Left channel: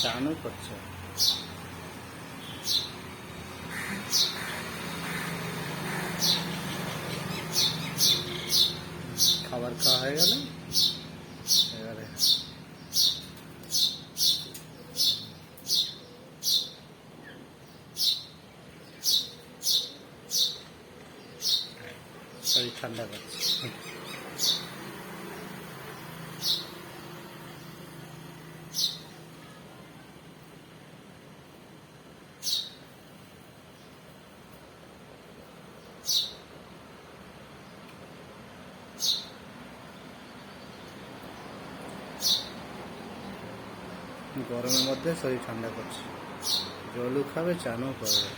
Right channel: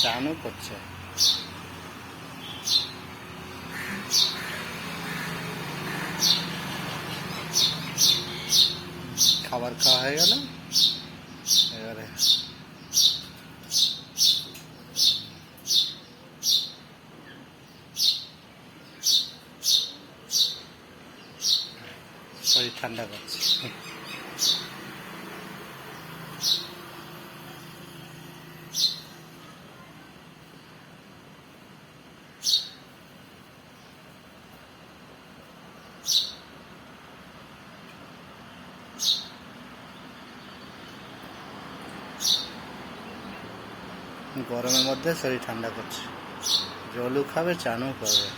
চানও করছে। খাবার খাওয়া হয়ে গেল, এবারে শরীর ঠান্ডা করছে। গরমের মধ্যে শরীর ঠান্ডা করছে, জলও খাবে, চানও করবে।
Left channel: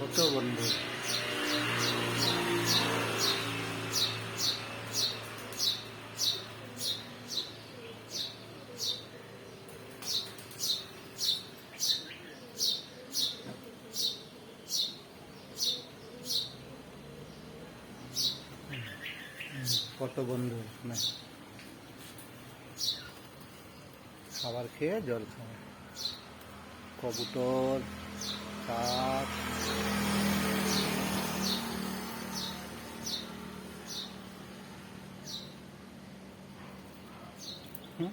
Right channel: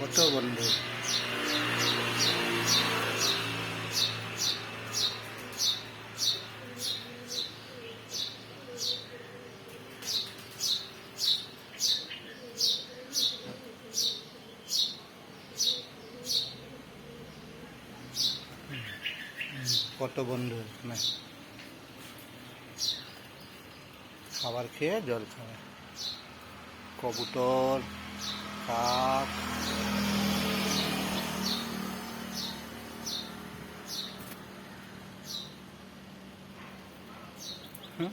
কত বন্ধু, কত বন্ধু না খাবার খেয়ে জল খাবে। কবুতর, কাক, হুম।